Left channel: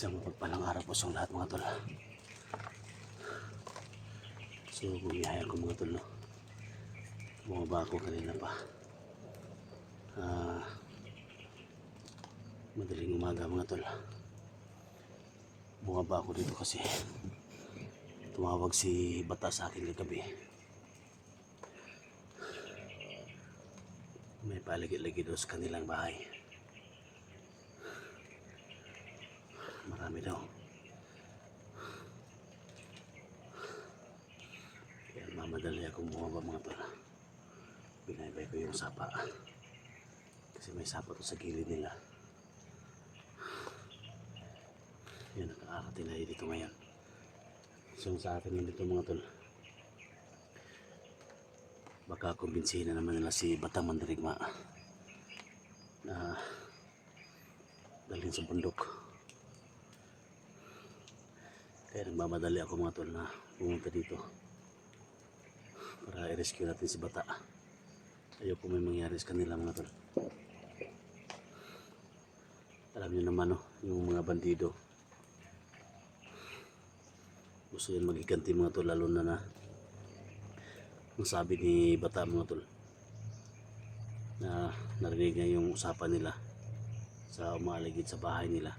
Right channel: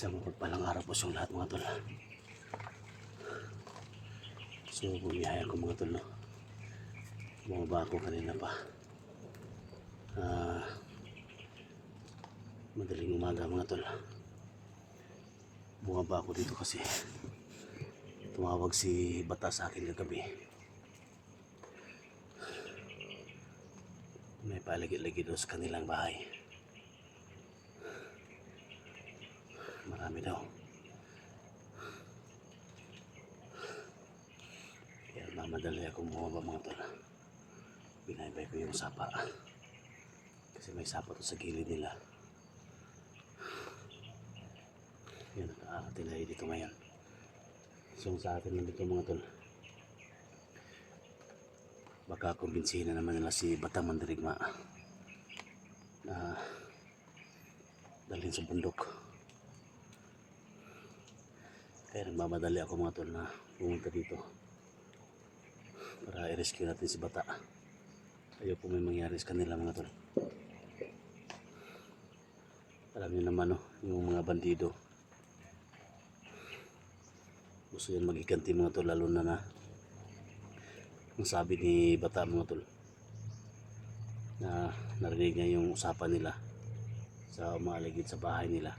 Isang mapagpalang araw po sa lahat mga tol. So bumiyaya ko mga tol, no? Bumaba ako kanina pa. Madaling umaga mga tol. Bumaba ako dito kasi tumawag si Bata sa akin kagabi. May palagi-lagi daw sa kanilang bahay. Marami daw. Kaya mamadali akong bumaba mga tol. Binaybay ko yung sapa. Kasi may sapa to sa gilid nila. Yan, nakaarating na dito ngayon. So sa akin lang dito mga tol. Baka kumbinsihin na naman nila si Batang Mandirigma na dalhin sa bundok. Kaya nagmamadali ako mga tol na pumunta dito para i-rescue natin si Bata. Ayoko may mangyari sa kanila mga tol. Alam niyo naman, no, yung mga bandido gusto yan magiganti mga tol, lalo na ang sabi ni Bata mga tol na narinig niya yung usapan nila sa umaligid sa bahay nila.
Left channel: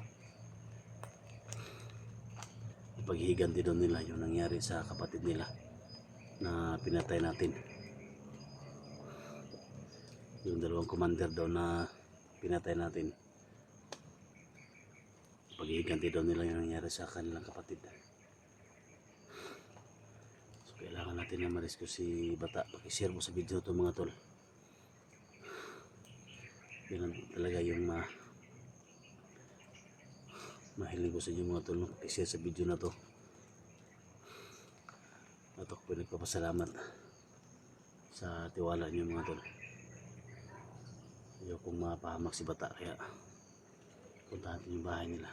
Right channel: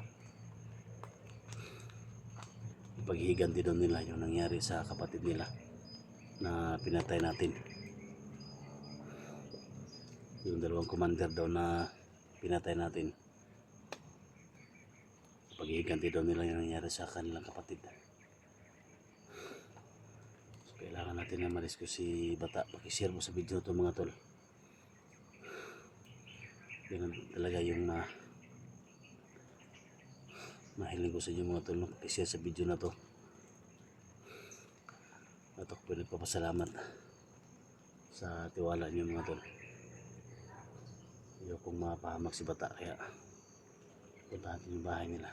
Paghihiganti doon nila yung nangyari sa kapatid nila na pinatay natin. Yung dalawang commander daw na pinatay natin. Paghihiganti daw nila yung nangyari sa kanilang kapatid. So kailangan natin na ma-rescue si Bata. Pakishare mo sa video to mga tol. Yan talaga yung mahiling ko sa inyo mga tol, no? Pakishare sa video na to. At ako po nagpapasalamat sa tiwala niyo mga tol. Ayokong mapahamak si Bata, kaya puntahan natin yung bahay nila.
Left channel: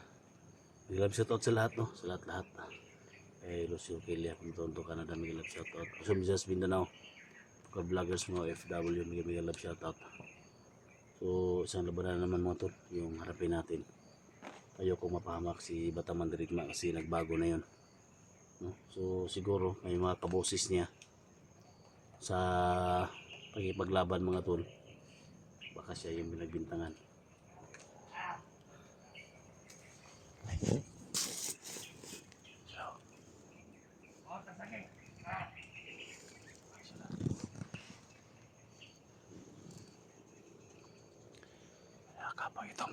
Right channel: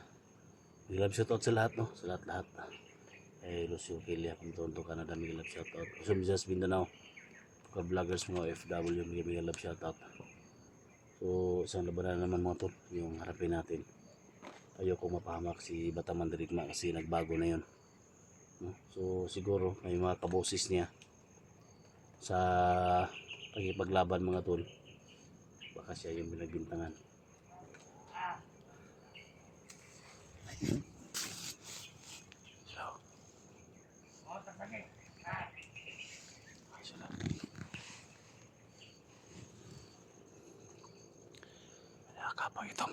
Mag-love shoutout sa lahat, no? Sa lahat-lahat. Lucio Kelia, Puntonto, Canada, mag-love shoutout. Kusum Jazz, Mindanao. Pagka-vloggers mga OFW, mag-love shoutout. So isang labanan naman mga tol yung harapin natin. Ayokong mapahamak si Batang Mandirigma kasi nagbago na yun, no? So siguro may mga kaboses niya sa pagkipaglaban mga tol. Baka siya yung binagbintangan. Kapag ito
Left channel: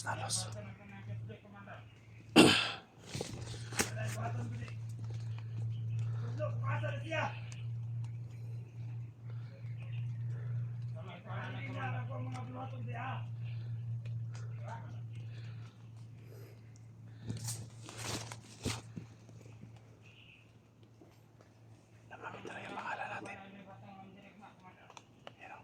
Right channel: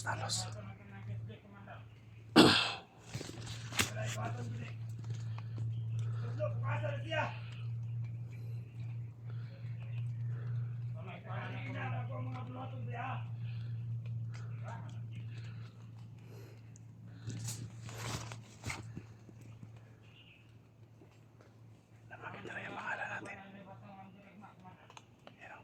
talos. Namakita na yung pangalan natin. Yan o.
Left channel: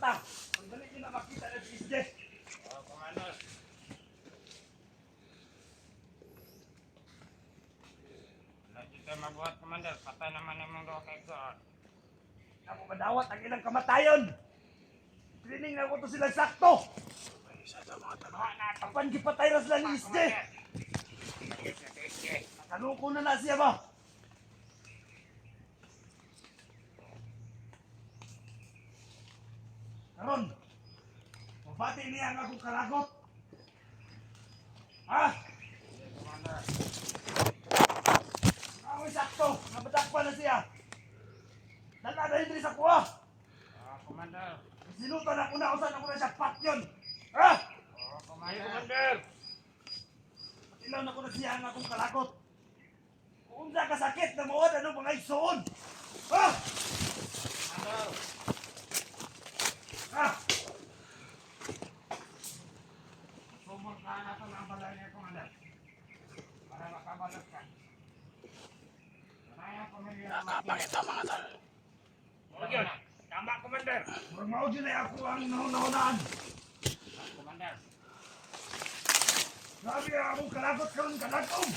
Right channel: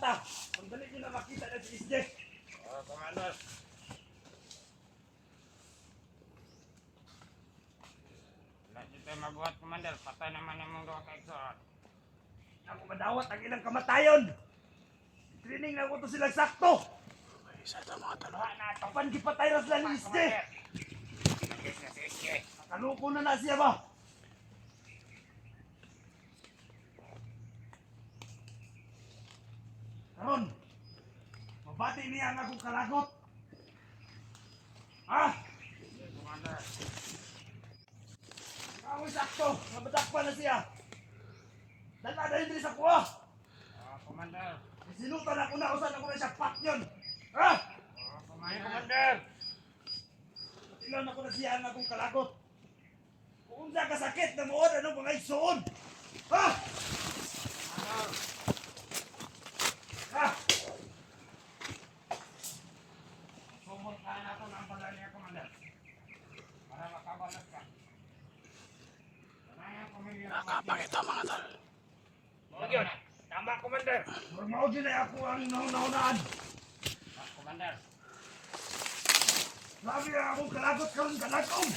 mata. Ang dali nyo na makita na si SJ. Oh, Commander. Wala dito mabuhat, Commander. Patay naman yung mga gawa kayo. Ako madawat ang ilang kamatayon. Training na ko to silang sakto. Isa ito mga talo. Wala na ito. Kapan gipatay na sila ni SJ. Commander. Nakaluko na siya ba? Karon, mabati niya ang akong kalagot. Ha? Commander. Ako sakto, nabadakpan na siya. Dala na hindi sa kuha. Commander. Sinutan ako na usan ako na siya pat yun. Ha? Commander. Ilan ako na siya ang akong kalagot. Kung unsa ka sakit na mawad, ano mga igsoon? Ha? Commander. Ha? Sumur ka na ito ng bala niya, Commander. Para makabalas ka. Kaya pamilya na Nakapakita mga talo. Yun. Tama, Commander. Magmaod yun ay ako ang nahunaan. Commander. Sabi ang akong kalagot karon kalagom.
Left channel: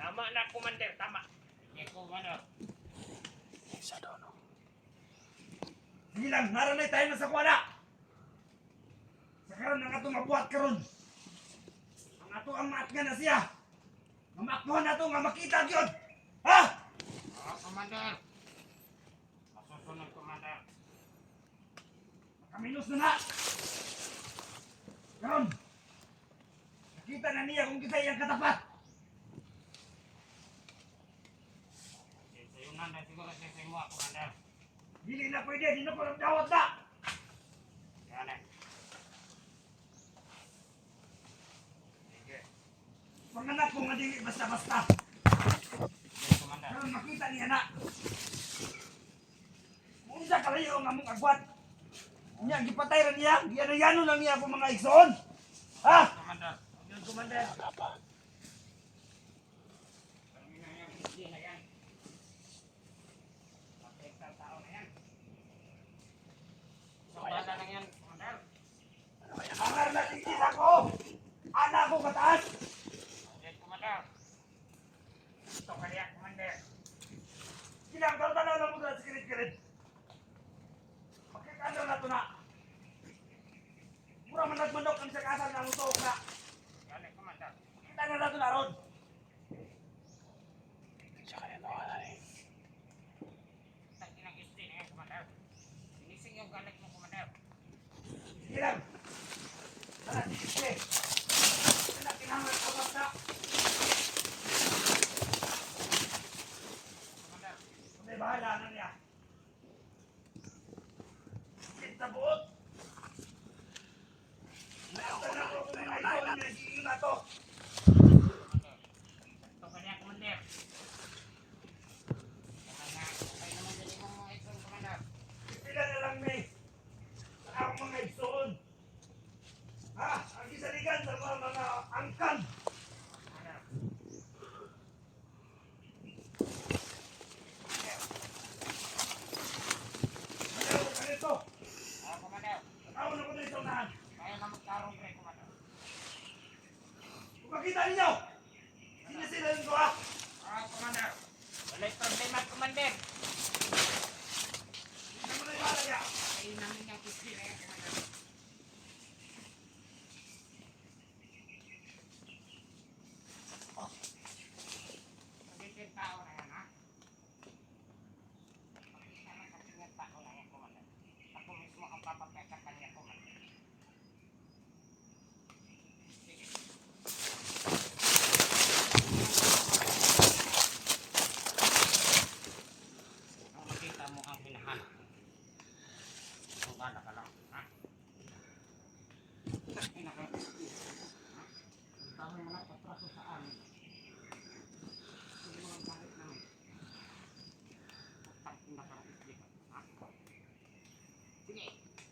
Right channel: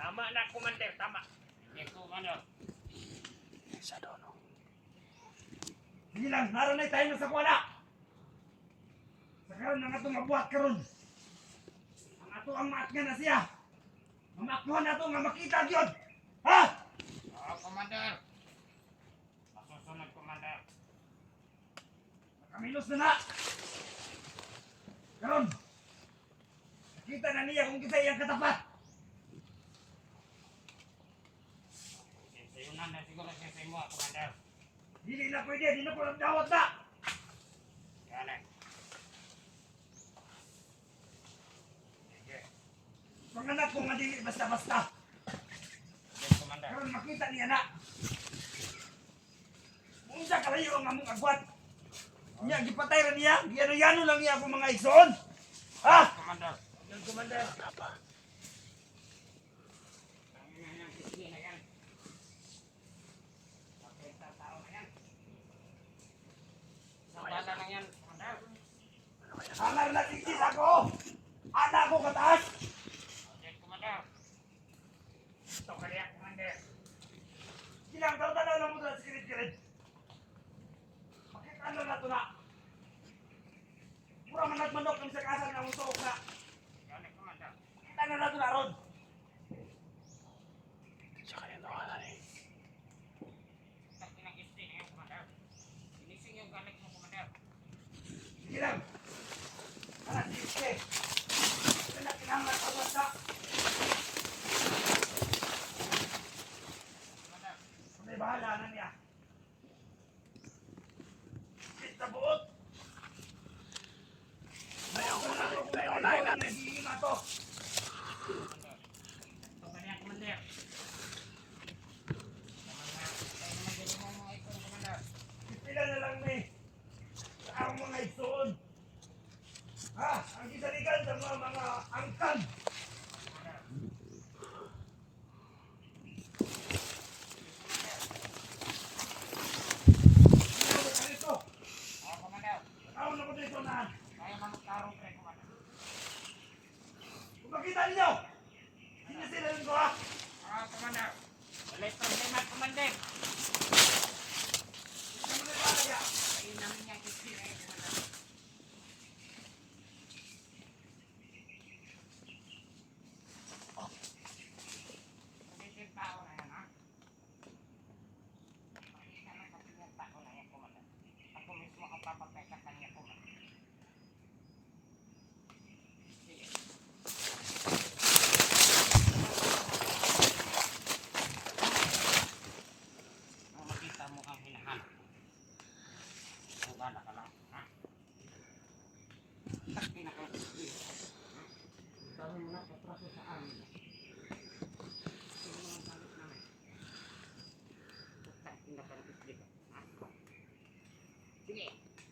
Tama na, Commander. Tama. Sige, Commander. Isa daw no. Sige lang, naranay tayo na sa kuha na. Sa karon ang atong mabuhat karon. Ang ato ang maat nga na siya. Mamakmuhan na ito nga makita yun. Ha? Commander. Masusunod, Commander. Nakaminos na na. Karon. Nakita na niya kung kita iyang katapat. Sayunan na siguro siya sa imo, Commander. Dili na pwede, di na ko nagdawat na. Yan eh. Sige. Panganak ko nga dili basta-basta. Sige, Commander. Karon makita niya na. Kung sa kalayo ang among agwat. Niya, gipatay ra niya. Giyano-yano lang niya akong mga igsoon. Ha? Commander. Yun, Commander. Apa? Yan, sige na yan. Patay sa tao na yan. Sa bata na yan, Commander. Ano kaya? Anar na tingkis ako. Anak ko kataas. Sige, Commander. Ito kaya, Commander. Silang tao-tanaw lang mo doon sa kirid-kirid. Makikandang na ito na. Mura man nagmanok kami sa kasal na musuok na. Yan eh, Commander. Kita na ito na ron. Siya kaya nawala eh. Tagi ng isti na yan, Commander. Finising yung galit mo, Commander. Sige lang. Para si Ike. Pinakinahanglan ako basta. Commander. May bahala na niya. Kita buot. Ito kaya, Commander. Sila na lang ni ang mga igsoon. Ha? Ang gisaligan sa mga angkan. Ayaw mo ka nito. Ayaw na ko dito na. Kung makita ninyo, sino sila yung dua? Walay problema, Commander. Hindi mo na ilalagya. Ayun namin yung isti na yan, Commander. Hindi tao na yan, ha? Tao na yan, Commander. Ako mismo ang papagay sa kanya, Commander. Sige. Kung makita mo ang hinahanap, sugana ka lang, ha? Takina ka, ha? Dami mo na patraso sa amin. Sige mo lang galit namin. Takina ka ng isli ka, ha? Sige,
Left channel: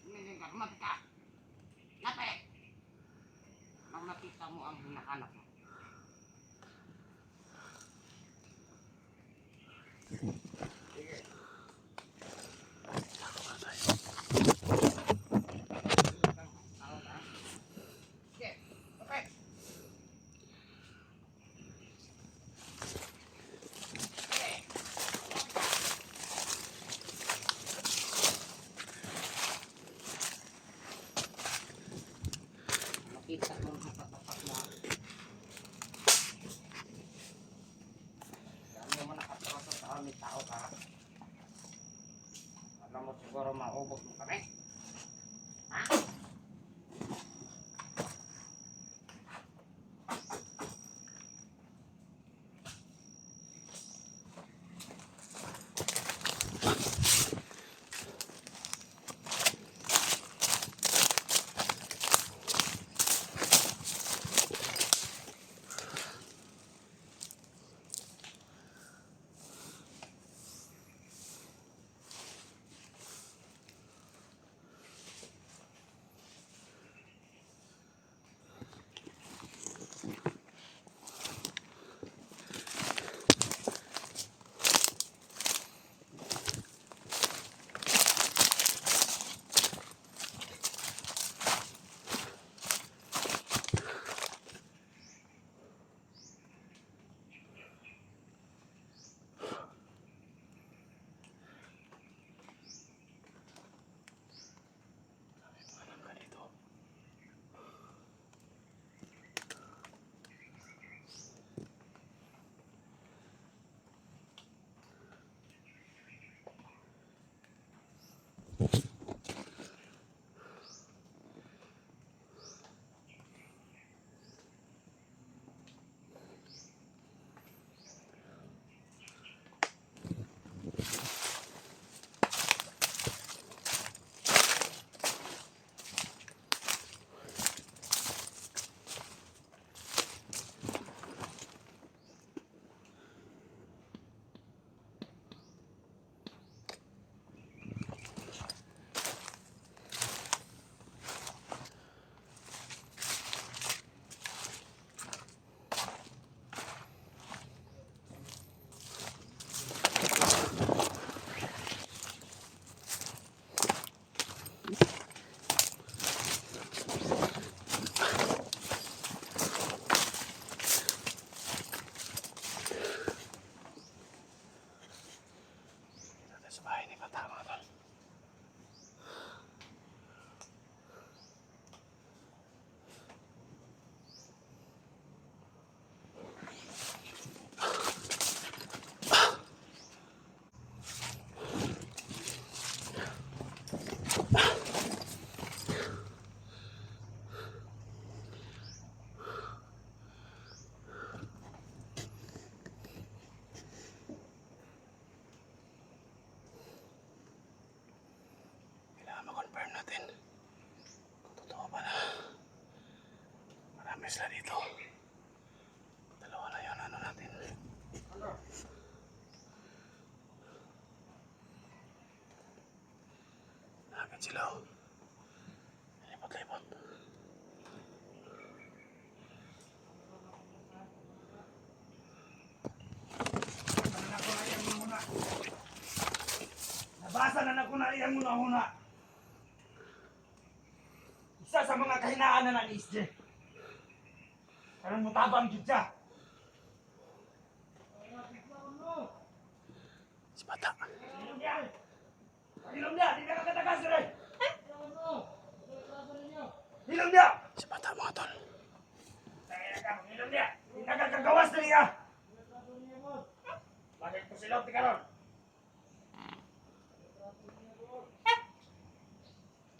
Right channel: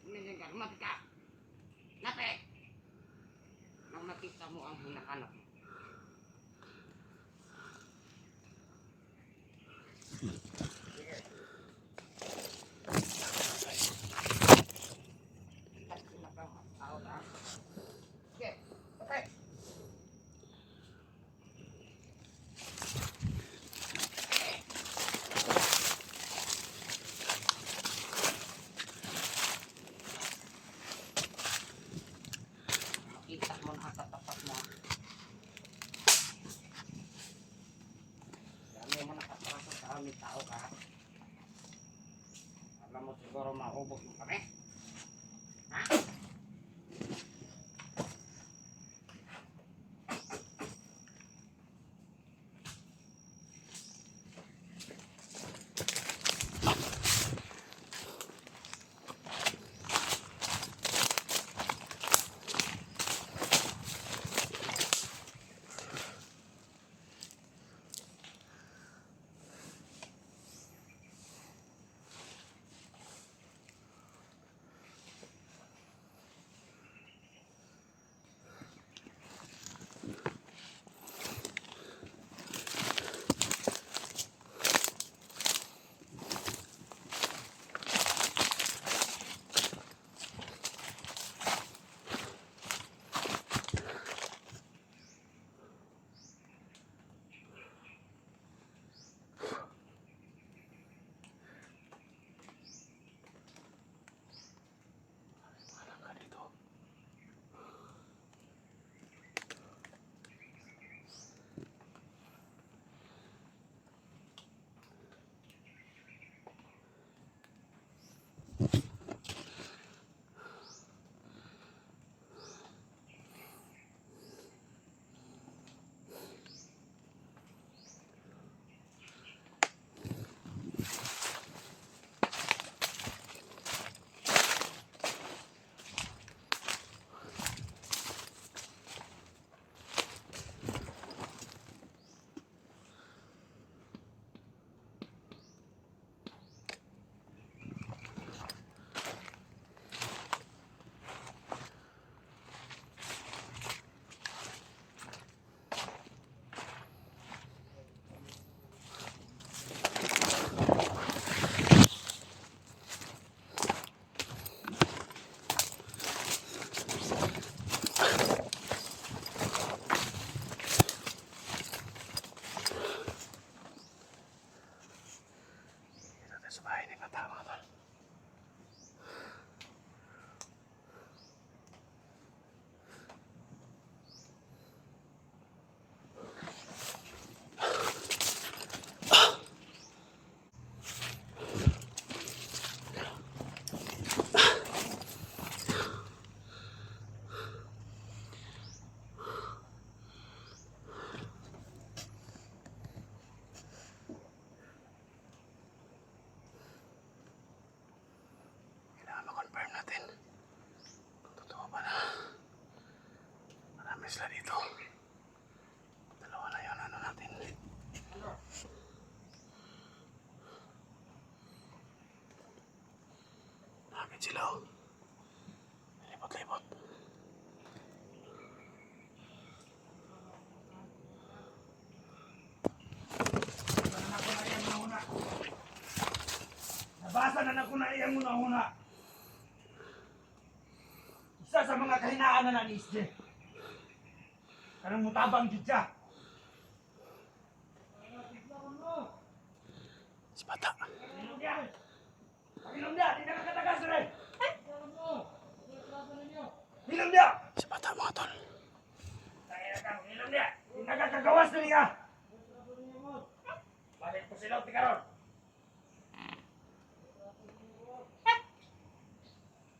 nandiyan ka, lumapit ka. Lapit! Nang makita mo ang hinahanap mo. Sige. Patay. tao ka. Alam mo siguro maubos mo kami. Ha? Alam ka dito. Dito tayo sa bahay ni Bata, mga tol. Kailangan ma-confirm natin kung totoo ba na marami sila dito. Dalawa na yun, ano natin. Nakakit sila, oh. Libot-libot. Nabasa na ko na iyang una-una. Isa sa mga kahinaan na ni Isje. Karang mutabang jud siya. Si Bata. Ilong niya! Ilong niya! Di na kakatagas rin! Ilong niya! Si Bata, mga tol. Ilong niya! Di na kakagawas na niya! Bakit ko silaw ti karon?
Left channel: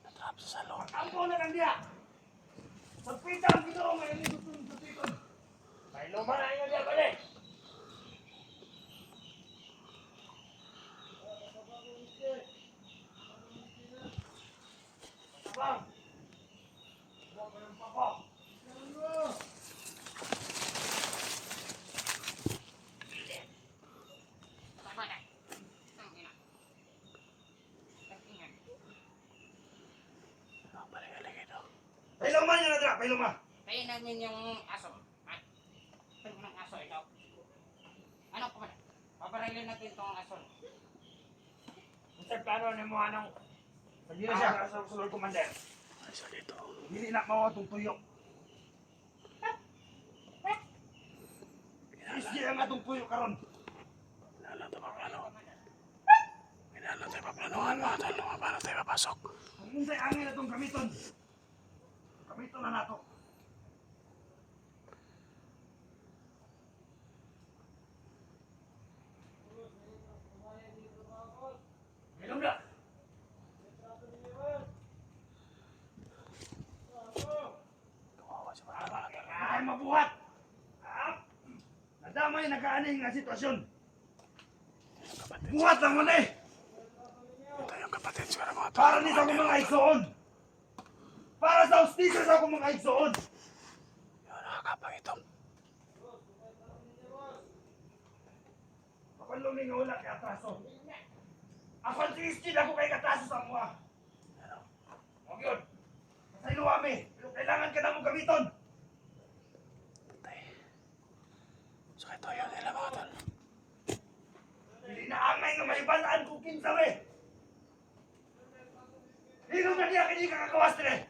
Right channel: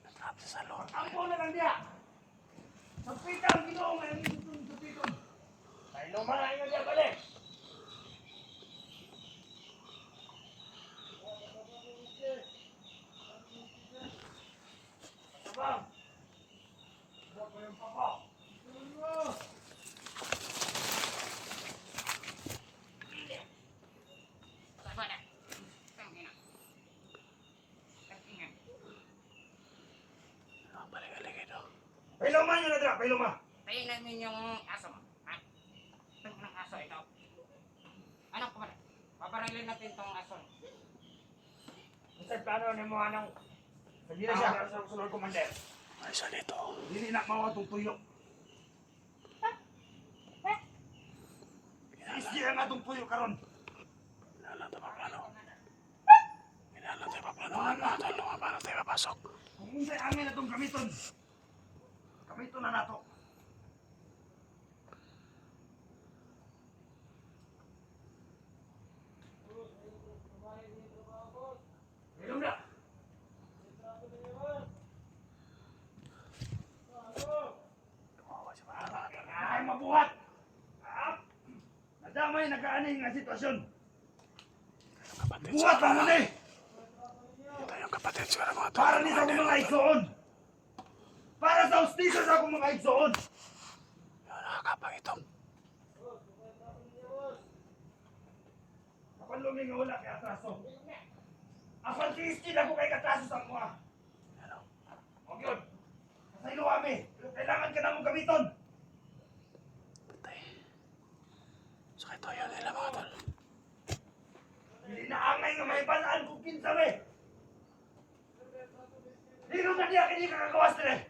Natrap sa salon. Kampo na lang niya! Magpita ang ginoo nga yung gustong supiton. Ay lupa na inyo niya balik! Bang! Huwag ko yung papa! Tama na. Tangina. Tangina. Balik-balik ito. Pailuman yun na dra! Pailuman! Tayo namin yung aso. Ha? Ito ng aso ito. Ano ko ba? Paparilin natin tong aso. Ang plano na mo anong hindi na siya sa sulod commander. Ay, isa dito. Hindi na mawa itong tuyo. Iski ang atong tuyo karon. Kailangan tayo paplano. Kailangan tayo paplanoan, mga tol. Paano tayo papasok? Kung unsay angin na itong gamiton. Gamiton na nato. may nakaanay nga sitwasyon. Yung kapatid. Buhat lang mo na eh. Ito yung kapatid siguro mga tol. Para ni sa akong mga igsoon. Para sa ustisyo sa akong mga igsoon. Yung nakakapang ito. Kapalumi nga wala kay atraso. Ako ang tiiskin ako kay katraso sa mga. Ano? Huwag yun. Kasaylo kami. Pero kailangan ka na mong gamiton. Patay. So ito yun nila mga tol. Hindi na angay nga may balaan kung kinsa me. Hindi naman niya kini kakagawas din eh.